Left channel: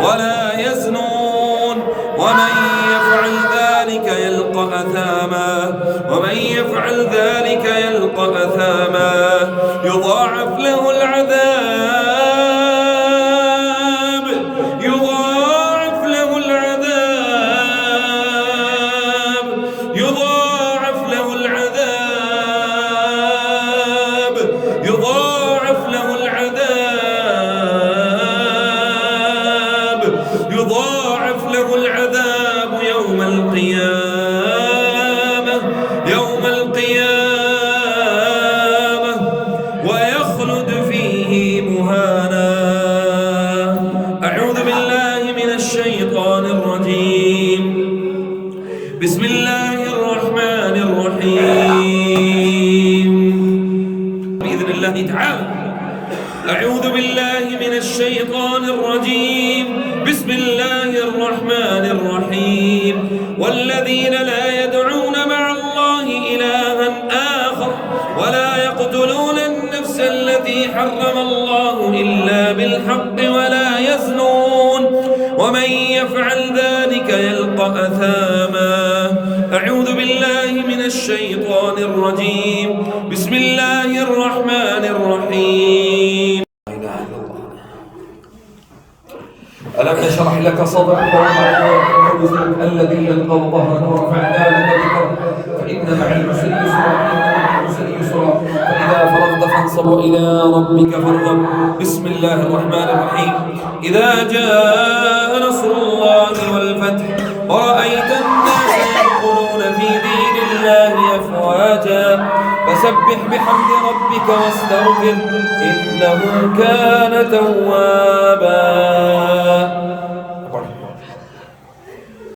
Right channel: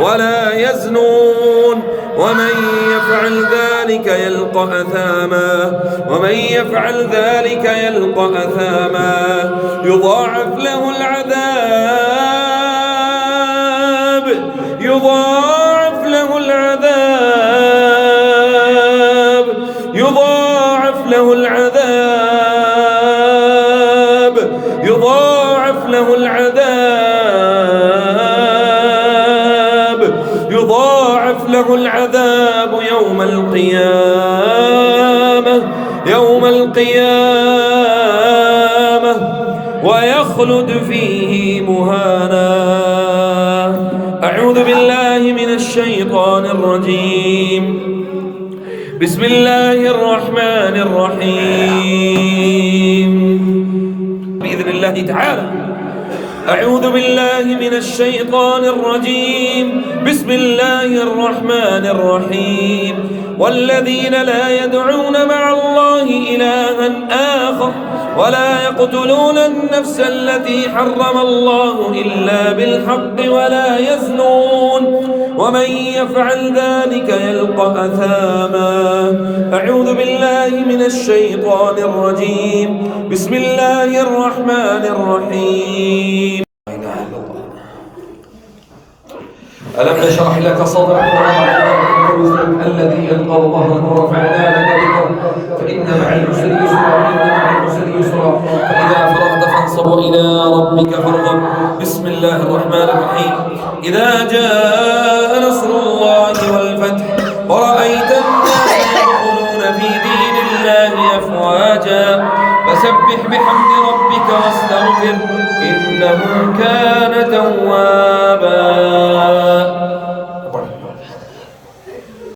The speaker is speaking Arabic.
ولا يزنون ومن يفعل ذلك يلقى أثاما يضاعف له العذاب يضاعف له العذاب يوم القيامة ويخلد فيه مهانا. أعوذ بالله من الشيطان الرجيم. بسم الله الرحمن الرحيم. بإذن الله تعالى. أعوذ بالله من الشيطان الرجيم. بسم الله الرحمن الرحيم. والذين لا يدعون مع الله إلها آخر ولا يقتلون النفس التي حرم الله إلا بالحق ولا يزنون ومن يفعل ذلك يلقى أثاما. أعوذ بالله من الشيطان الرجيم. بسم الله الرحمن الرحيم. ألم نشرح لك صدرك ووضعنا عنك وزرك الذي أنقض ظهرك ورفعنا لك ذكرك فإن مع العسر يسرا فإذا فرغت فانصب وإلى ربك فارغب. بسم الله الرحمن الرحيم. إذا جاء نصر الله والفتح ورأيت الناس يدخلون في دين الله أفواجا فسبح بحمد ربك واستغفر إنه كان